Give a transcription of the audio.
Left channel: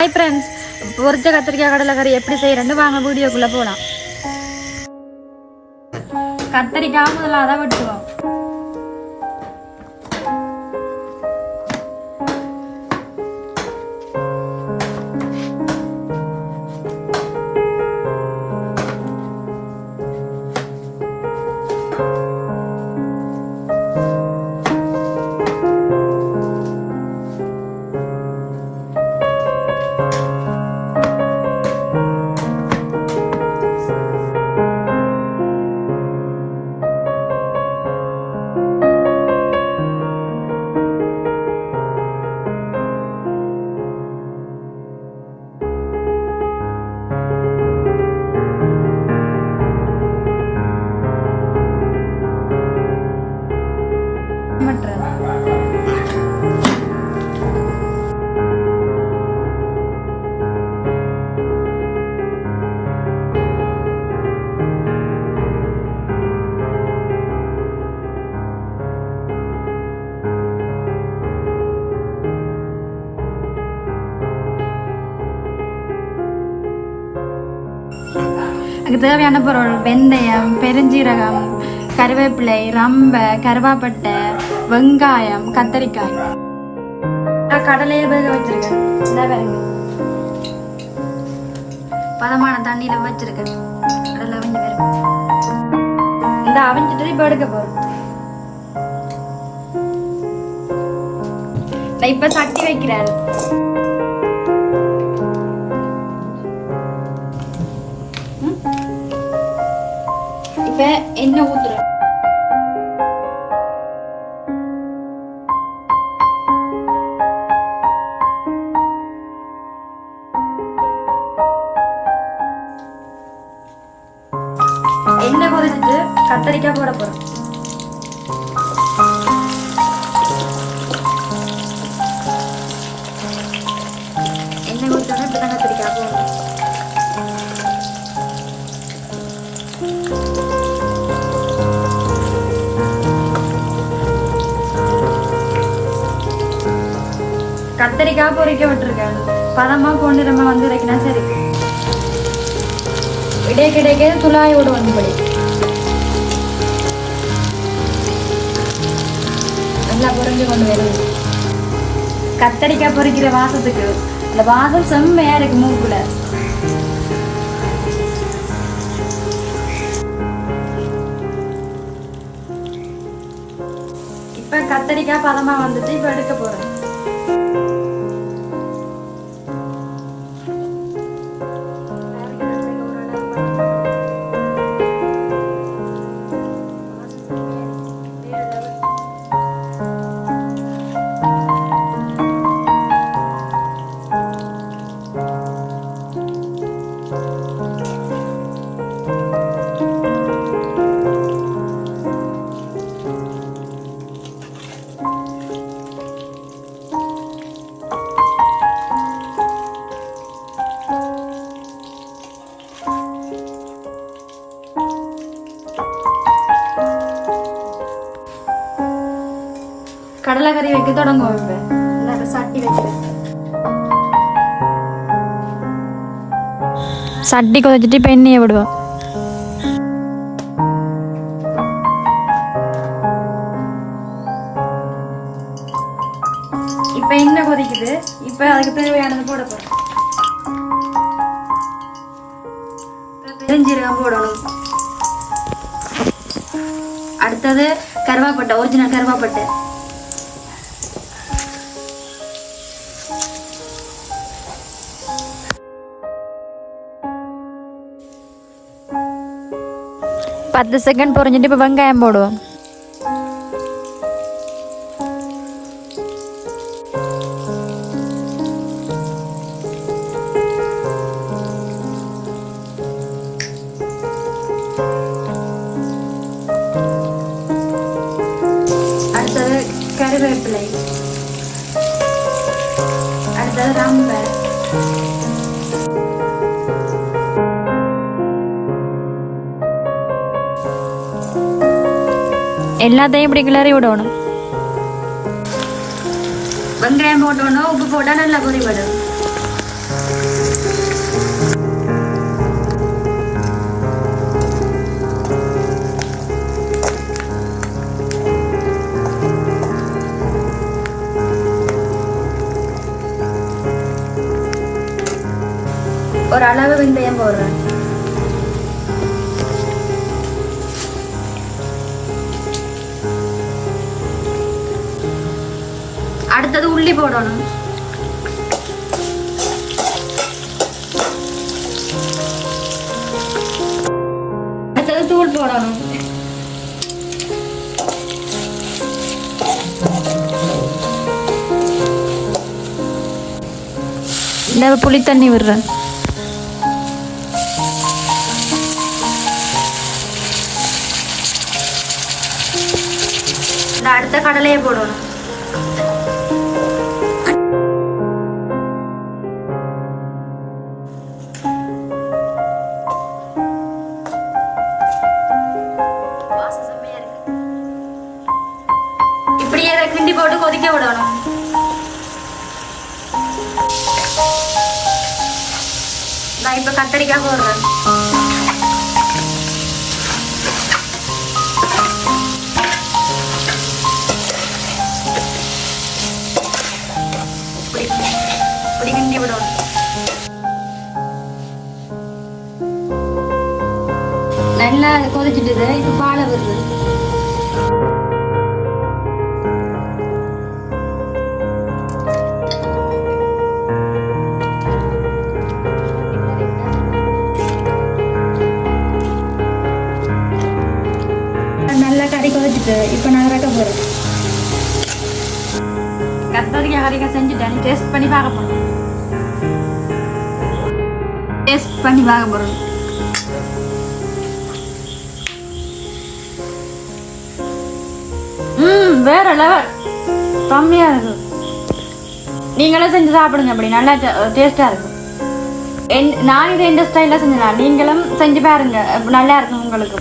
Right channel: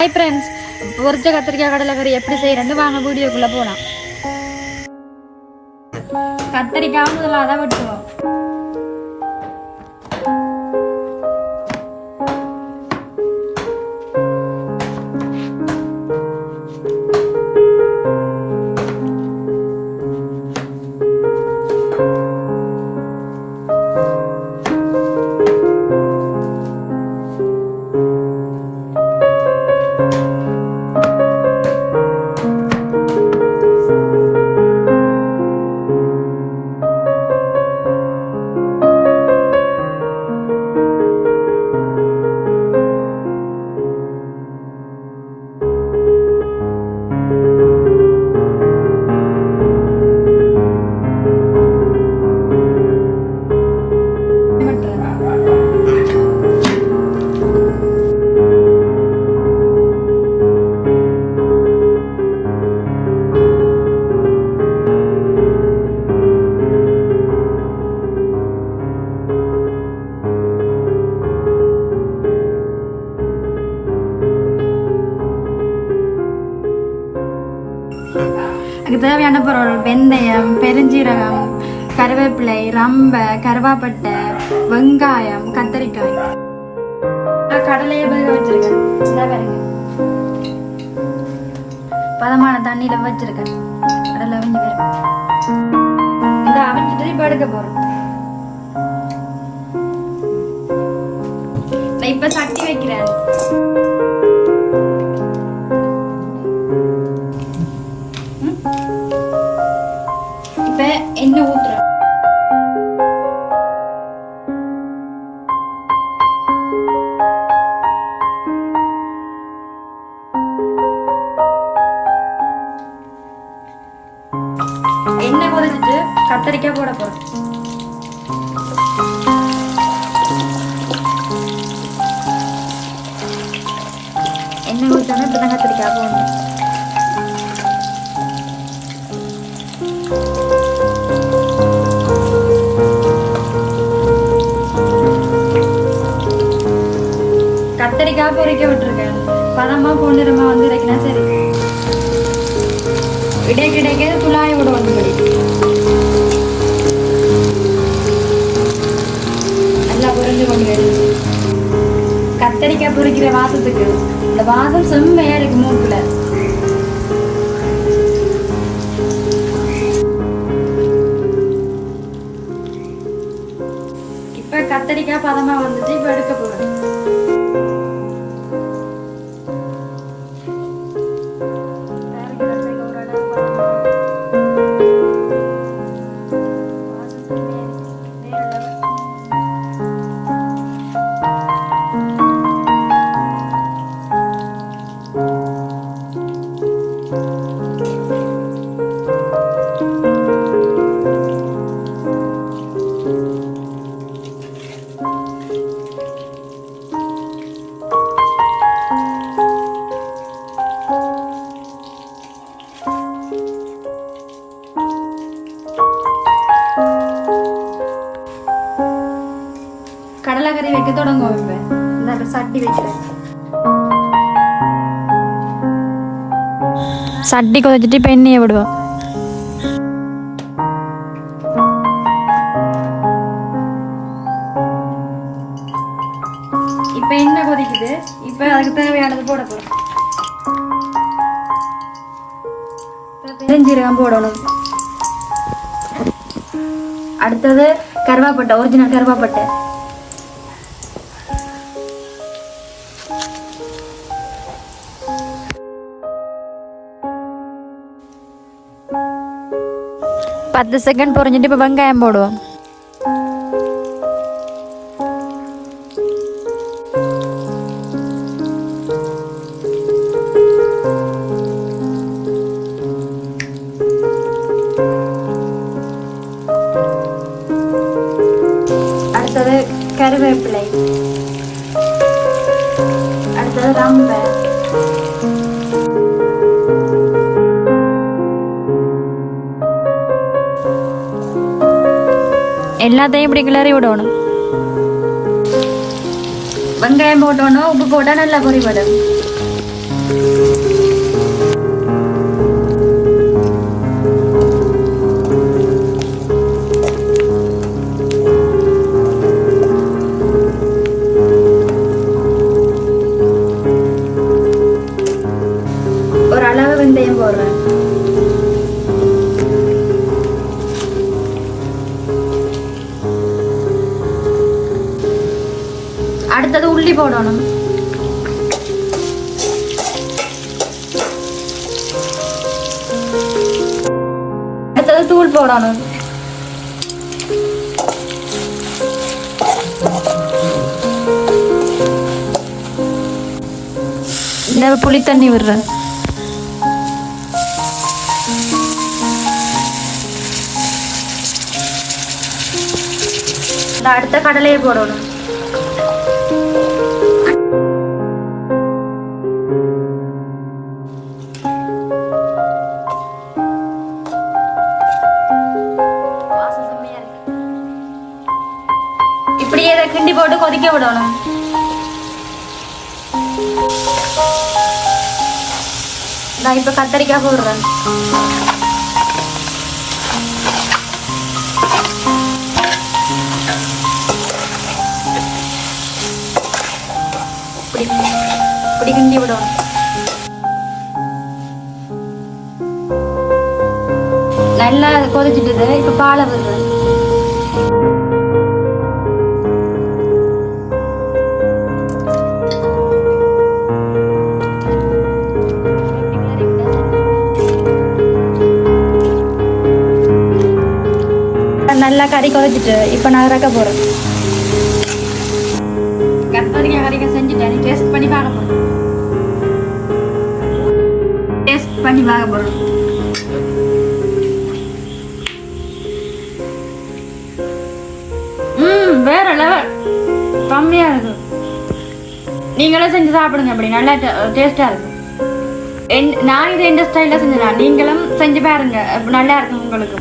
Hi friends பொரிச்ச கத்திரிக்காய் கடலைக்கறி எப்படி செய்யறேன்னு வாங்க வீடியோக்குள்ள போகலாம் கத்திரிக்காய் முதல்ல அதை வெட்டுவோம். பண்ணுறேன் அதுக்கு தேவையான பொருள் வெந்தயம் பெருஞ்சீரகம் கருவேப்பிலை ரம்பை கருவாப்பட்டை வெங்காயம் கத்தரிக்காய். நான் வேக வச்சிருக்கேன். இந்த பாருங்க. பதமான தண்ணியில வச்சிருக்கேன். கடலை அவிஞ்சு பாருங்க இந்த அவிஞ்சிட்டு இப்போ எடுக்க போகிறோம் நான் இப்போ சட்டி வைக்கிறேன். இப்போ எண்ணெய் ஊற்றுறேன் எண்ணெய் கொதிச்சிட்டு கத்தரிக்காய் போட போறோம் எண்ணெய் ஊற்றணும் இப்படி கத்திரிக்காய் போடணும் கத்தரிக்காய் பொறிக்க விட்டுருக்கேன். பதமாக பொன்னிறமா வந்து வைக்கினா சரி. இடை கிடைக்க குழாயோட வந்துபடி நல்லா புரிஞ்சு கொண்டு வருது கத்தரிக்காய் பொரிக்கிற வாசத்துக்கு அந்த வாசம் செம்மையா இருக்கு மூக்குல இப்ப கத்தரிக்காய் பதமா வந்துட்டு இப்ப எடுக்க போறேன். கடலைக்கறி வைக்க தொடங்குவோம் இப்ப சட்டி வைக்கிறேன் சட்டி கொதிச்சிட்டு இப்ப எண்ணெயை விடுவோம் இப்ப எண்ணெய் கொதிக்குது இப்ப அதுக்கு தேவையானது போட போறோம் பெருஞ்சீரகம் போடணும் அடுத்தது கருவாப்பட்டை ஒரிஜினல் கருவாப்பட்டை பத்து செகண்ட் பொரிஞ்சிட்டு இப்போ வெங்காயம் போடுவோம் அடுத்தது கருவேப்பிலை அடுத்தது ரம்பை எல்லாத்தையும் இப்படி கிளறி விடணும் வெங்காயம் போட்டோன்னா உப்பு போட்டால் நல்லா பொறி வரும் அடுத்தது உள்ளி போடணும்? அடுத்தது தூள் போடணும். இந்த புளி தண்ணி விடுறேன். இந்த அடுத்த கடலையை போடணும். போட்டு விடணும் நான் இப்ப கத்தரிக்காய் போடுறேன் இப்படி விடும். கிண்டி நல்லா கொதிச்சுட்டு இப்ப பாலை வருது கறி குறைச்சிட்டு இப்போ நான் இறக்க போகிறேன் கத்தரிக்காய் கறிக்காய் செஞ்சுட்டேன் நீ டேஸ்ட் பண்ணி பார்க்க போகிறேன் டேஸ்ட் பண்ணி பார்க்க போகிறேன் ம் வேற லெவல் கம்மியாக இருக்கு. நீங்களே செஞ்சு சாப்பிடுங்க அப்படி நல்லா டேஸ்ட்டாக இருக்கும் என் நான் இதை எந்த ஸ்டைலில் செஞ்சேன் நீங்களும் செஞ்சு பாருங்க நல்லா இருக்கும் உங்களுக்கு.